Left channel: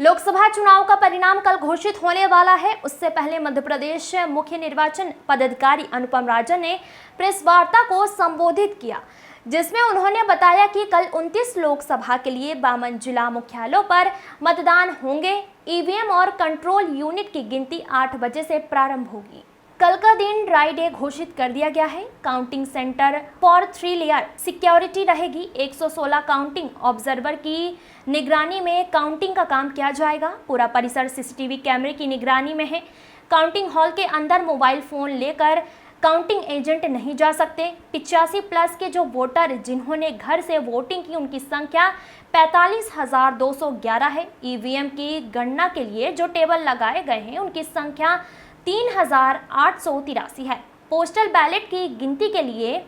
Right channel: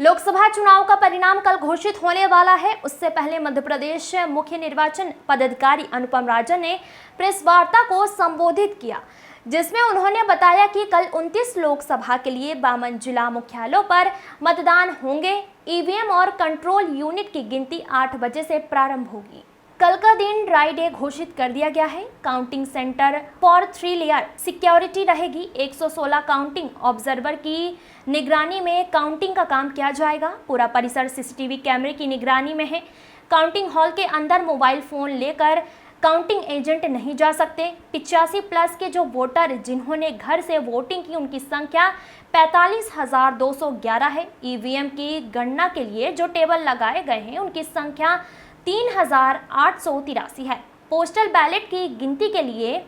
लोकसभा चुनाव का परिणाम कल घोषित होने वाला है। उससे पहले मध्य प्रदेश मुख्य निर्वाचन पदाधिकारी अनुपम राजन ने प्रेस वार्ता को संबोधित किया, जिसमें उन्होंने बताया कि कल 29 लोकसभा के लिए 52 जिला मुख्यालयों पर मतदान होंगे। ईवीएम और कंट्रोल यूनिट की गिनती 8 बजे से प्रारंभ होगी। कल का दिन ड्राई डे घोषित कर दिया गया है। Counting centre for 3 layer security रहेगी। 116 काउंटिंग ऑब्जर्वर की निगरानी में काउंटिंग का काम किया जाएगा। पूरा परिसर सीसीटीवी कैमरे की निगरानी में है। काउंटिंग हॉल के अंदर मोबाइल फोन लेकर काउंटिंग एजेंट नहीं जा सकते। 85 प्लस के जो वोटर जिन्होंने घर से वोटिंग की, उनकी संख्या 45,211 है। ईवीएम की गणना के लिए जो टेबल लगाए गए हैं, उनकी संख्या 3,883 है। पोस्टल बैलेट की गिनती के लिए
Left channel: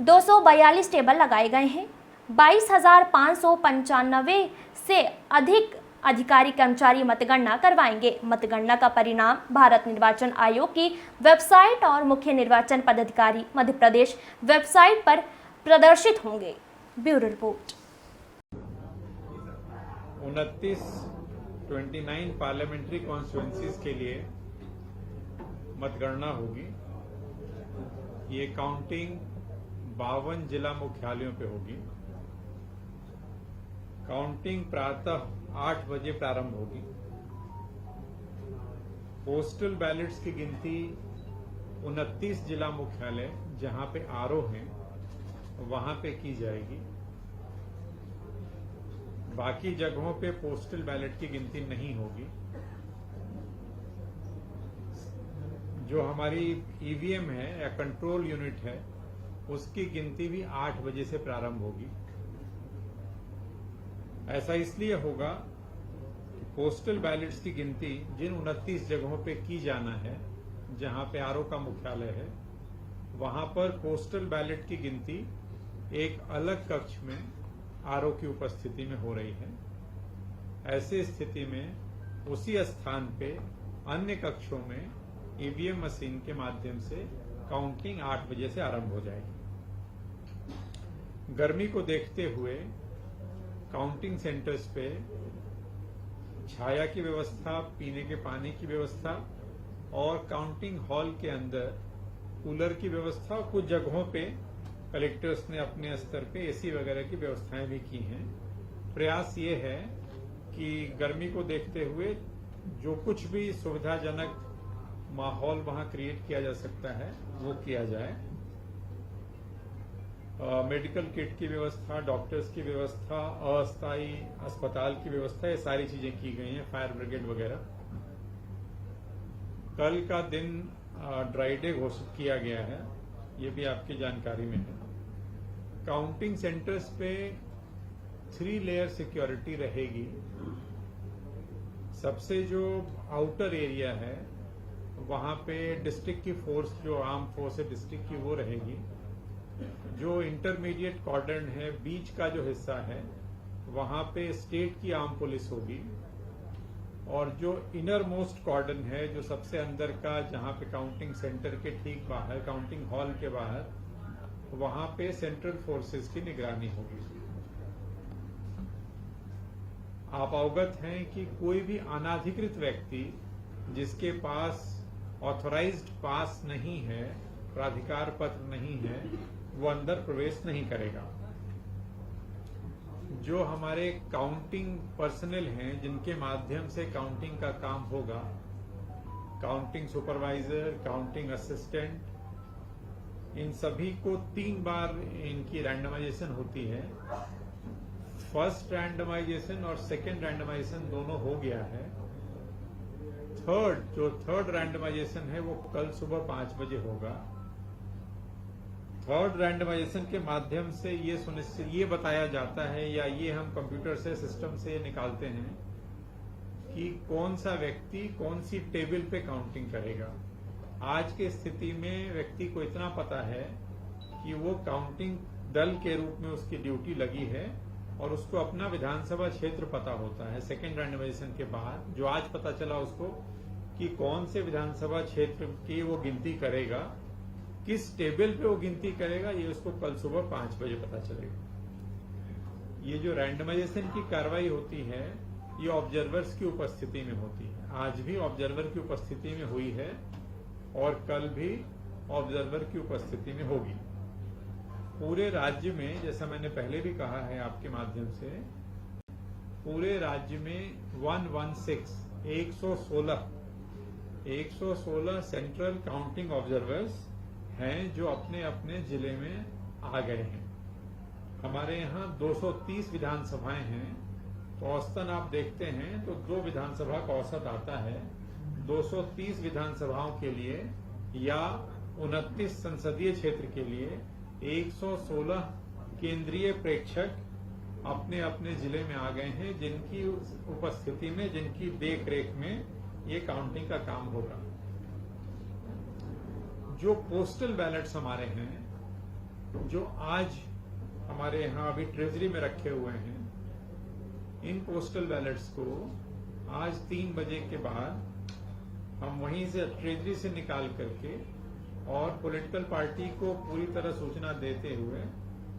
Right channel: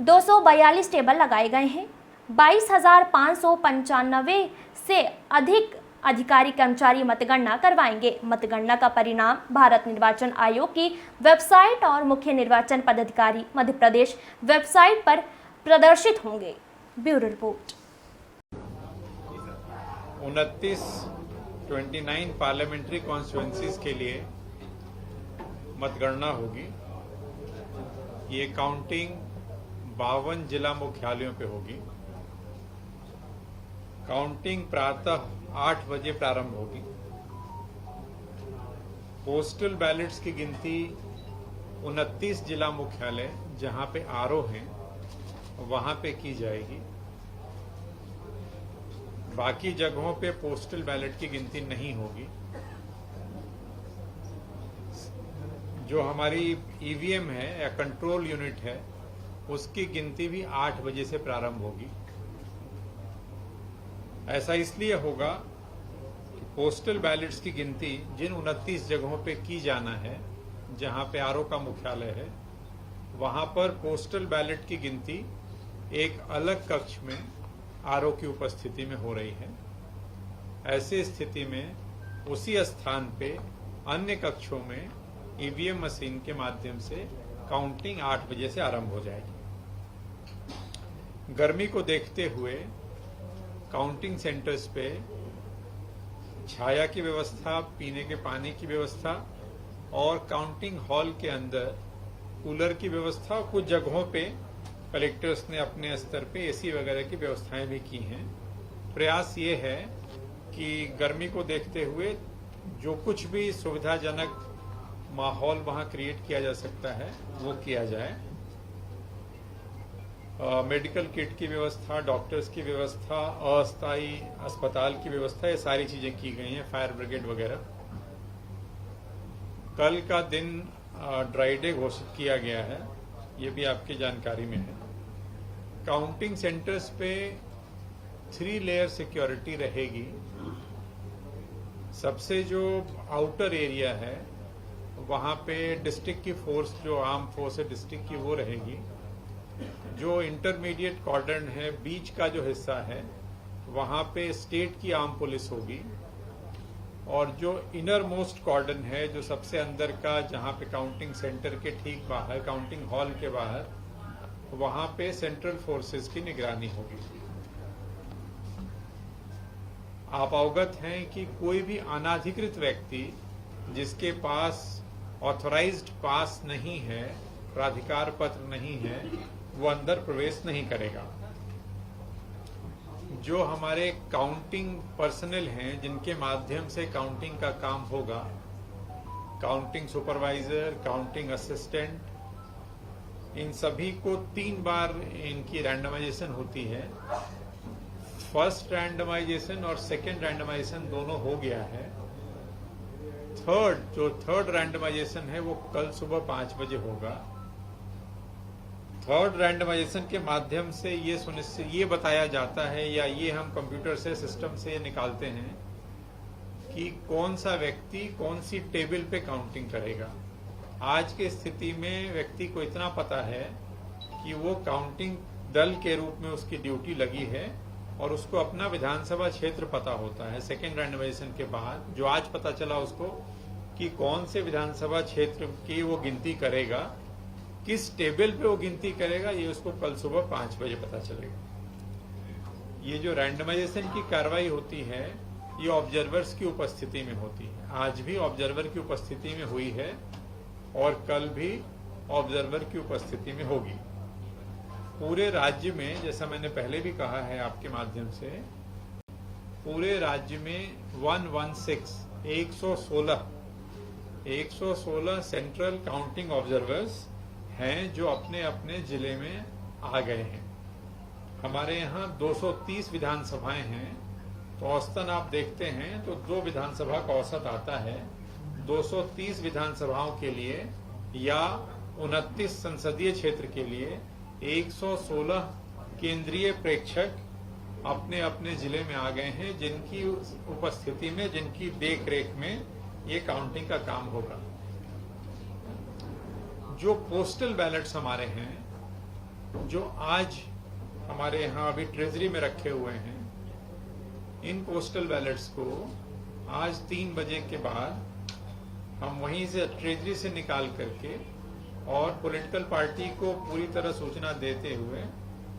242 टेबल लगाए गए हैं। 22,595 से अधिक अधिकारी कर्मचारी मतगणना करवाएंगे। मतगणना का परिणाम भारत निर्वाचन आयोग की वेबसाइट और मुख्य निर्वाचन पदाधिकारी मध्य प्रदेश वेबसाइट पर प्रदर्शित होंगे। Bureau report. 29 पार्लियामेंट्री कॉन्स्टिट्यूएंसीज के लिए मतगणना होगी। ये काउंटिंग 52 जिला मुख्यालयों पे होगी। काउंटिंग प्रातः 8 बजे प्रारंभ होगी। पोस्टल बैलेट्स की गिनती 29 जिला मुख्यालय जहां पे आरओ हैं वहां पे की जाएगी। बाकी जगहों पे पोस्टल बैलेट की गिनती नहीं होगी। जो हमारी ईवीएम है या कंट्रोल यूनिट है, उसकी गिनती भी 8 बजे से प्रारंभ होगी। ऐसा इसलिए होगा कि पोस्टल बैलेट्स की गिनती जिन 29 जगहों पे की जाना है, जहां पे आरओ का मुख्यालय है, वहां पर पोस्टल बैलेट की गिनती एक अलग कक्ष में आरओ की उपस्थिति में हो रही है। ऐसी स्थिति में उसी स्थान पे अन्य कक्षों में ईवीएम मशीन के माध्यम से काउंटिंग 8 बजे से आरंभ हो जाएगी। गर्मी को देखते हुए काउंटिंग सेंटर्स पे छाया की व्यवस्था, पीने के पानी की व्यवस्था और काउंटिंग हॉल के अंदर कूलर की व्यवस्था, कुछ जगहों पे कलेक्टर्स ने अपने स्तर पे एसी वगैरह की व्यवस्थाएं भी की हैं। प्रयास ये है कि गर्मी को देखते हुए जो कुछ भी सुविधाजनक माहौल वहां क्रिएट किया जा सकता है वो किया जाए। मेडिकल किट की व्यवस्था, डॉक्टर्स की व्यवस्था, अस्थायी अस्पताल की व्यवस्था, ये सारी चीजें की गई हैं, फायर ब्रिगेड वगैरह। कल का दिन ड्राई डे घोषित किया गया है, ये भी आपकी जानकारी में है। काउंटिंग सेंटर्स पे 3 लेयर सिक्योरिटी रहेगी। सबसे जो आउटर एरिया है वहां पे डिस्ट्रिक्ट की फोर्स, जो आर्म फोर्स है डिस्ट्रिक्ट की, वो रहेगी। जो इंटरमीडिएट कॉर्डन है, बीच का जो हिस्सा है, वहां पे स्टेट की आर्म पुलिस होगी। और जो इनर मोस्ट कॉर्डन है, जो सबसे अंदर का, जहां पे काउंटिंग सेंटर के ठीक बाहर, काउंटिंग हॉल के बाहर, वहां पे सेंट्रल फोर्सेस की निगरानी होगी। आप अवगत हैं कि कोई भी अनाधिकृत व्यक्ति जिसके पास ऑथराइज्ड पास नहीं है, प्राधिकार पत्र नहीं है, वो अंदर प्रवेश नहीं करेगा। जो हमारे काउंटिंग पर्सनल हैं, जिनके माध्यम से काउंटिंग का काम होगा, काउंटिंग सुपरवाइजर, काउंटिंग असिस्टेंट, इन सभी को 3 बार इनकी रैंडमाइजेशन होती है। फर्स्ट रैंडमाइजेशन और सेकेंड रैंडमाइजेशन दोनों हो गया है। थर्ड रैंडमाइजेशन है वो कल सुबह 5 बजे होगा। थर्ड रैंडमाइजेशन के माध्यम से ये बताया जाता है, या ये हम कंप्यूटर से, सिस्टम से निकालते हैं कि कौन सा व्यक्ति कौन सी टेबल पे काउंटिंग करेगा। आज की स्थिति में व्यक्ति को इतना पता है कि वो काउंटिंग दल के रूप में उसकी ड्यूटी लगी है और उसको अपना विधानसभा क्षेत्र पता होता है। सेकेंड रैंडमाइजेशन के बाद जो आज पता चला उसको कि कौन से विधानसभा क्षेत्र की वो गिनती करेगा, किस टेबल पे वो गिनती करेगा, ये उसको कल सुबह 5 बजे पता चलेगा। ये जो रैंडमाइजेशन की कार्रवाई होती है, ये ऑब्जर्वर्स की उपस्थिति में होती है। आज भी ऑब्जर्वर की उपस्थिति में हुई है और कल भी ऑब्जर्वर की उपस्थिति में होगी। पूरे राज्य में, जैसा मैंने पहले भी कहा है आपके माध्यम से, पूरे राज्य में 116 सेंट्रल काउंटिंग ऑब्जर्वर्स हैं जो अपने अपने जिले में आ गए हैं। हमारे यहाँ 230 विधानसभाएं हैं, तो औसतन आप देखते हैं तो 2 विधानसभा का औसत आता है। 230 विधानसभाओं के लिए या 29 संसदीय क्षेत्र के लिए 116 केंद्रीय प्रेक्षक अपने अपने जिले में आ गए हैं, जिनकी उपस्थिति में, जिनकी देख रेख में ये काउंटिंग का काम होगा। जो पोस्टल बैलेट्स हमारे हैं, जो आज हमारे यहाँ अभी ट्रेजरी में रखे हुए हैं, इन पोस्टल बैलेट्स को आज 3 बजे के बाद हम वहीं से ट्रेजरी से निकाल करके और पॉलिटिकल पार्टी को पूरी तरह सूचना देते हुए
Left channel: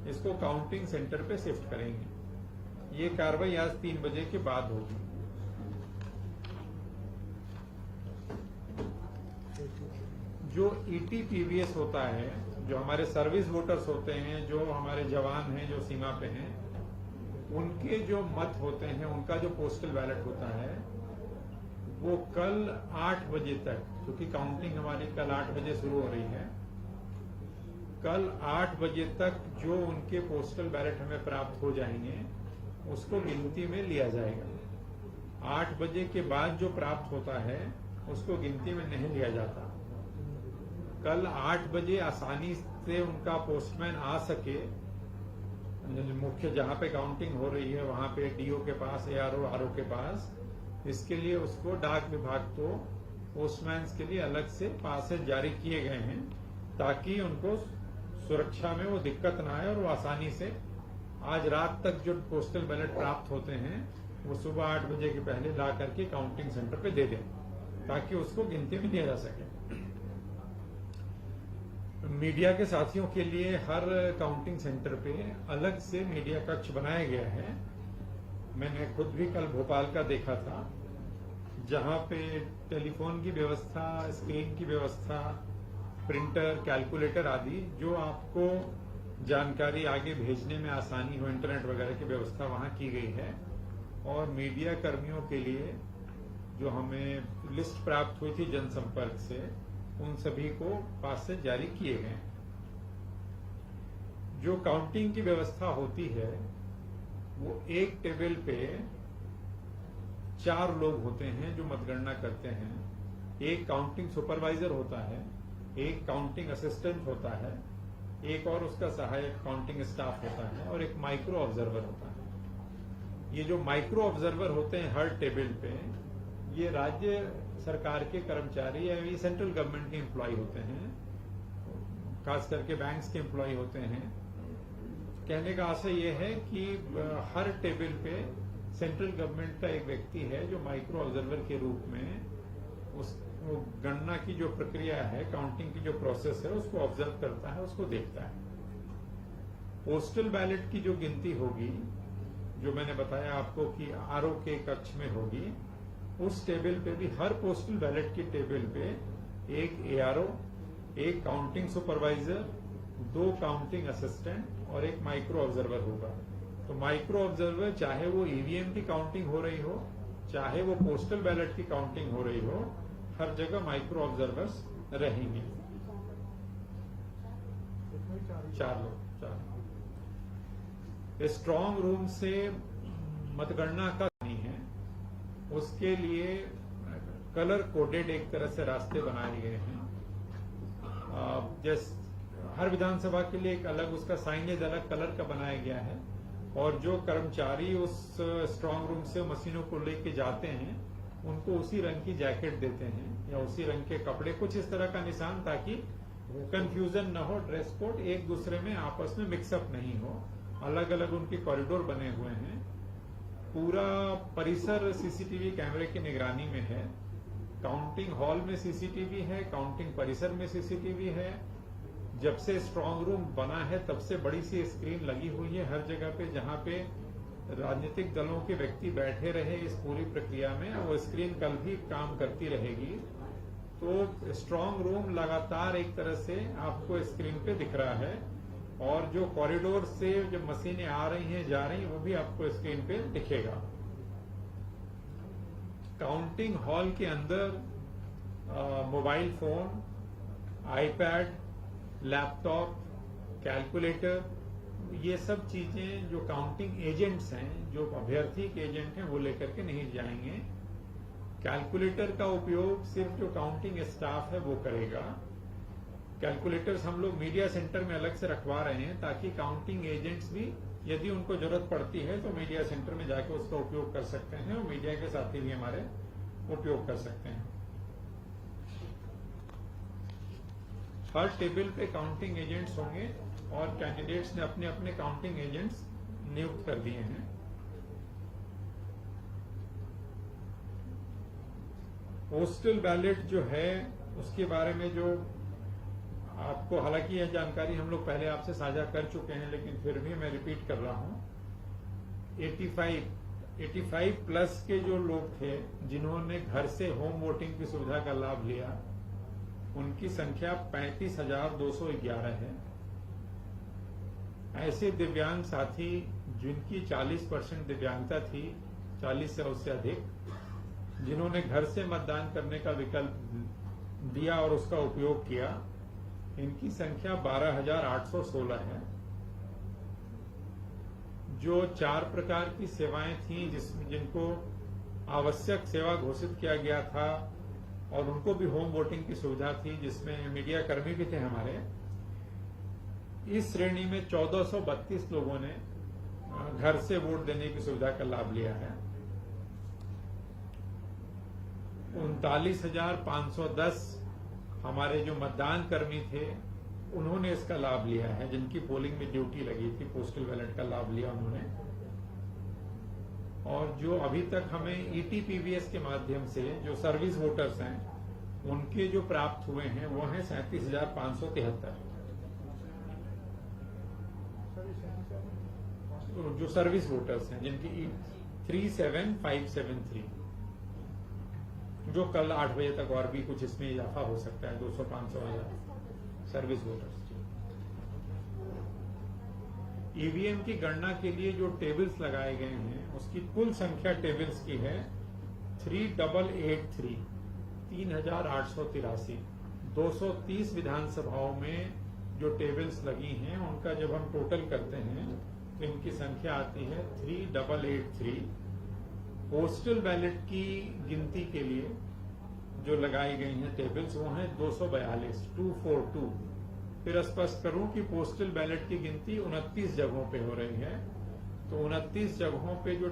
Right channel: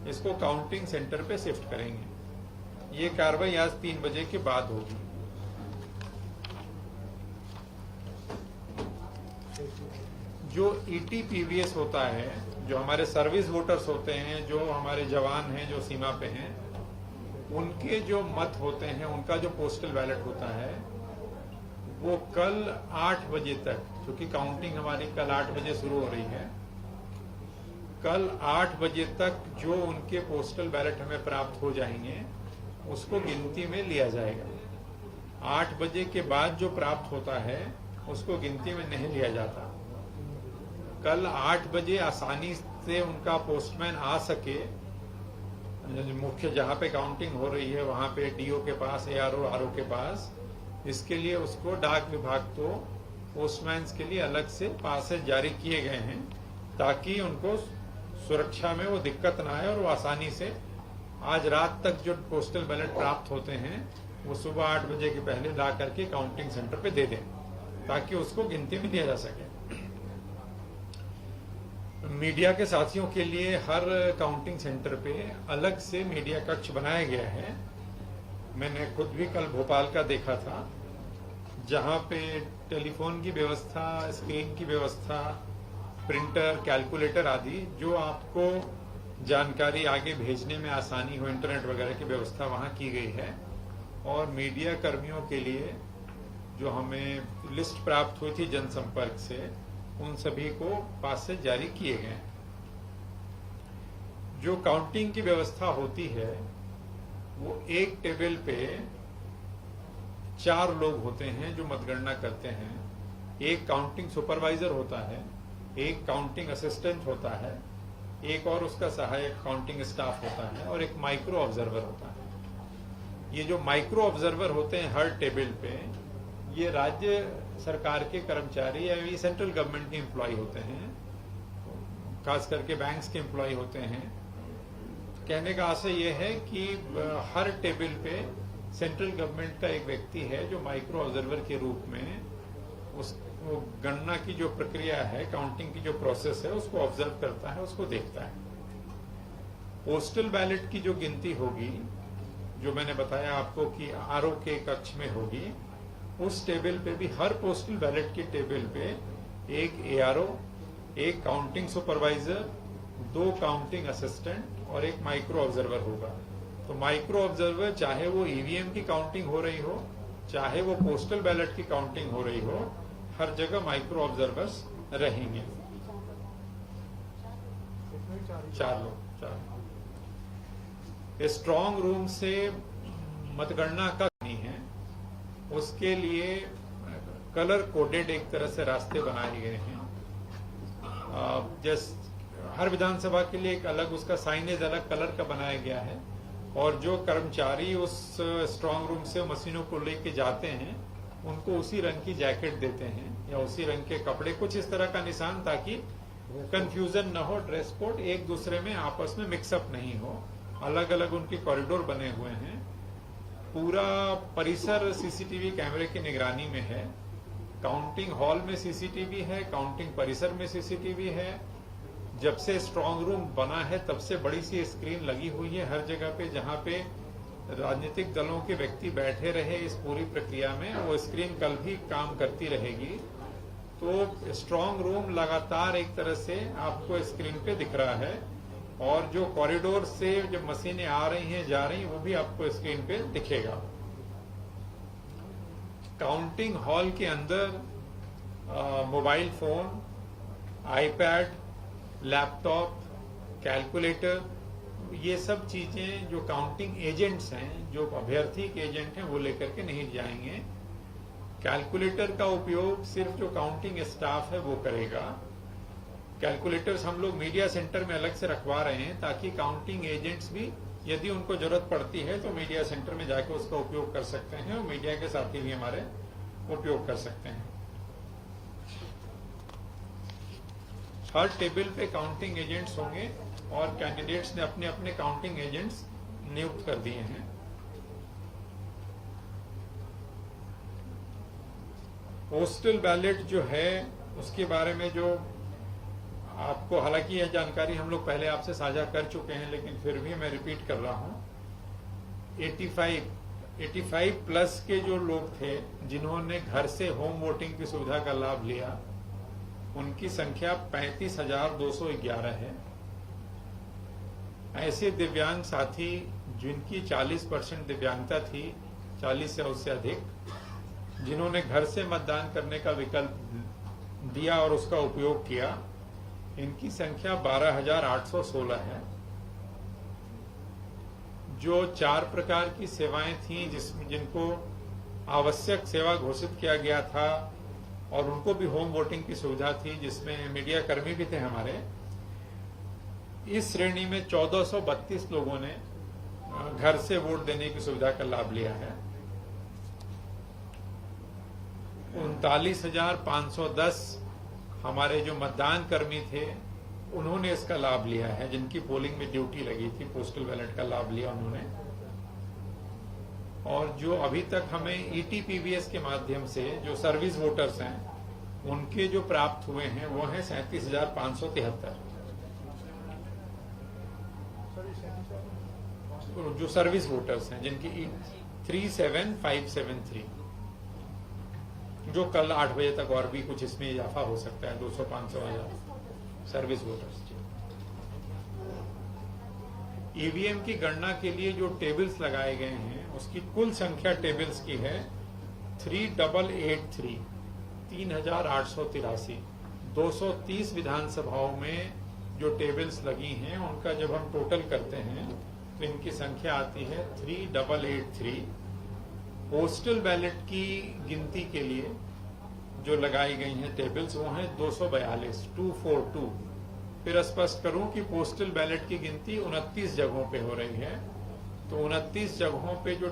इसको काउंटिंग सेंटर पे शिफ्ट करेंगे। ये कार्रवाई आज 3 बजे के बाद होगी। जो ईटीपीवीएस होता है, जो हमारे सर्विस वोटर्स होते हैं, जो हमारे जवान हैं जो सीमा पे हैं, उनके जो मत होते हैं, उनका जो पोस्टल बैलेट होता है, वो कल 8 बजे तक, क्योंकि काउंटिंग हमारी कल 8 बजे शुरू हो रही है, कल 8 बजे तक जो उनके पोस्टल बैलेट हमें प्राप्त हो जाएंगे उसको गिनती में लिया जाएगा। 8 बजे के बाद जो प्राप्त होता है उसको गिनती में नहीं लिया जाता। कल 8 बजे आसानी से उनका पोस्टमैन आ सके, मुख्य जहां पे काउंटिंग हो रही है वहां पे डीओ के पास, एआरओ, आरओ के पास, इसके लिए उसको डाक विभाग को पोस्टमैन के लिए अलग से पासेज जारी किए गए हैं, ताकि उनको सुरक्षा में वो दिक्कत ना आए और वो आसानी से आज रात तक जो पोस्टल बैलेट प्राप्त होते हैं वो सुबह 8 बजे के पहले ला करके काउंटिंग सेंटर पे दे दें, ताकि उसको गिनती में लिया जा सके। मीडिया के साथियों के लिए हर काउंटिंग सेंटर पे अलग से मीडिया कक्ष बनाया गया है। मैंने खुद भी कल भोपाल का देखा था, जहां पे टेलीफोन की व्यवस्था, स्क्रीन की व्यवस्था, प्रिंटर, कैलकुलेटर आदि, जो आपको जानकारी आगे भेजने में आसानी हो, इंटरनेट वगैरह की व्यवस्था वहां की गई है। और मीडिया कर्मियों के लिए जो हमें लिस्ट प्राप्त हुई थी जनसंपर्क से, उन सभी को पासेज जारी किए गए। जो काउंटिंग की व्यवस्था होती है वो एक टेबल पे 4 लोग होते हैं जो मतगणना करते हैं। एक काउंटिंग सुपरवाइजर होता है, एक काउंटिंग असिस्टेंट होता है, एक और उसका सहायक काउंटिंग स्टाफ होता है, और एक माइक्रो ऑब्जर्वर होता है। ये जो माइक्रो ऑब्जर्वर होते हैं हर टेबल पे, ये राज्य सरकार के कर्मचारी या ये सेंट्रल गवर्नमेंट के एम्प्लॉय होते हैं, खास करके बैंक्स के एम्प्लॉय होते हैं। कहने का आशय ये है कि हर टेबल पे सेंट्रल गवर्नमेंट का एक व्यक्ति है जो माइक्रो ऑब्जर्वर के रूप में उस गणना की जो प्रक्रिया है, काउंटिंग की जो प्रोसेस है, उसको ऑब्जर्व करता है, उसको देखता है। पोस्टल बैलेट की जो गिनती होगी, जो मैंने बताया आपको कि आरओ के कक्ष में होगी, उस टेबल पे भी, हर पोस्टल बैलेट के टेबल पे एक एआरओ, एक काउंटिंग सुपरवाइजर, 2 काउंटिंग असिस्टेंट और एक माइक्रो ऑब्जर्वर होगा। तो माइक्रो ऑब्जर्वर, चाहे वो ईवीएम की काउंटिंग हो रही हो, चाहे वो पोस्टल बैलेट की काउंटिंग हो रही हो, हर जगह माइक्रो ऑब्जर्वर्स रहेंगे। 4 लोग। स्ट्रांग रूम से मतगणना का नहीं है, उसके लिए कलर कोडेड एक तरह से रास्ते बनाए गए हैं। हर विधानसभा के लिए एक अलग उसका साइनेज अलग कलर का बनाया गया है, और जो कर्मचारी उस स्ट्रांग रूम से मशीनों को लेके जाते हैं उनको उसी रंग की जैकेट देते हैं या उसी रंग के कपड़े, कुछ इस तरह का निशान, ताकि कंफ्यूजन न हो, ड्रेस कोड एक दूसरे में आपस में मिक्सअप नहीं हो। अलग अलग उनके कॉरिडोर बने हुए हैं। पूरा परिसर सीसीटीवी कैमरे की निगरानी में है। काउंटिंग हॉल में सीसीटीवी है, काउंटिंग परिसर में सीसीटीवी है। जब से स्ट्रांग रूम बना है तब से बड़ी सी स्क्रीन लगी हुई है हर जगह पे, जहां पे राजनीतिक दलों के व्यक्ति बैठे रहे इस पूरी प्रक्रिया में, वो स्क्रीन कल भी काम करती रहेगी। तो स्ट्रांग रूम लगातार एक तरह से आपको स्क्रीन पे दिख रहा है, और जो कॉरिडोर से जब मशीनें आ रही हैं जा रही हैं वो भी आपको स्क्रीन पे दिखेगा। काउंटिंग हॉल के अंदर mobile phone, iPad, laptop, calculator, ये सब चीजें जो काउंटिंग एजेंट्स हैं, जो अभ्यर्थी के एजेंट हैं, वो लेकर के नहीं जाएंगे। कैलकुलेटर का उपयोग सिर्फ जो काउंटिंग स्टाफ है वो करेगा। कैलकुलेटर्स हम लोग मीडिया सेंटर में अलग से रखवा रहे हैं, ताकि काउंटिंग एजेंट्स भी यदि उनको जरूरत पड़ती है तो मीडिया सेंटर में जाकर उसका उपयोग कर सकते हैं, और मीडिया के साथी भी हमारे उपयोग कर सकते हैं। हर टेबल पे काउंटिंग एजेंट्स होंगे, और कैंडिडेट्स ने अपने अपने काउंटिंग एजेंट्स नियुक्त कर दिए हैं। पोस्टल बैलेट जो है उसके बारे में जो आपको, हालांकि यह जानकारी हम लोग पहले आपसे साझा कर चुके हैं, लेकिन फिर भी मैं रिपीट कर रहा हूं। 85 प्लस के जो लोग थे जिन्होंने घर से होम वोटिंग की सुविधा का लाभ लिया, उनकी संख्या 35,211 है। ऐसे दिव्यांग साथी जिनकी 40% दिव्यांगता थी, 40 से उससे अधिक, जिन्होंने घर से मतदान करने का विकल्प दिया और उसका उपयोग किया, इनकी संख्या 12,816 है। जो 4 प्रकार की सेवाएं थी जिनको आवश्यक सेवा घोषित किया गया था, और उनको भी होम वोटिंग की सुविधा थी, जिसमें मीडिया कर्मी भी थे हमारे, इस श्रेणी में 1432 लोगों ने घर से वोट देने की सुविधा का लाभ लिया है। 39,510 हमारे जो मतदान कर्मी थे उन्होंने इसका लाभ लिया है, जिनकी पोलिंग में ड्यूटी लगी थी, पोस्टल बैलेट का लाभ लिया उन्होंने। और जो अभी तक हमें ईटीपीवीएस के माध्यम से जो सर्विस वोटर्स हैं उनके जो प्राप्त हुए हैं वो हैं 37,573। जो सर्विस वोटर्स हैं जिनकी 37573, जो कल 8 बजे तक और भी कुछ इसमें इजाफा हो सकता है, 200-500 सर्विस वोटर्स। ईवीएम की गणना के लिए जो टेबल्स लगाए गए हैं उसकी कुल संख्या टेबल्स की है 3883, 3883। 230 विधानसभाओं में जो टेबल्स लगी हैं उनका जब हम टोटल करते हैं तो इनकी संख्या आती है 3883। पोस्टल बैलेट की गिनती के लिए जो लगाई गई हैं टेबल्स वो हैं 242। फिर स्पष्ट करूं कि पोस्टल बैलेट की गिनती 29 जगहों पे हो रही है, तो 29 जगहों पे जो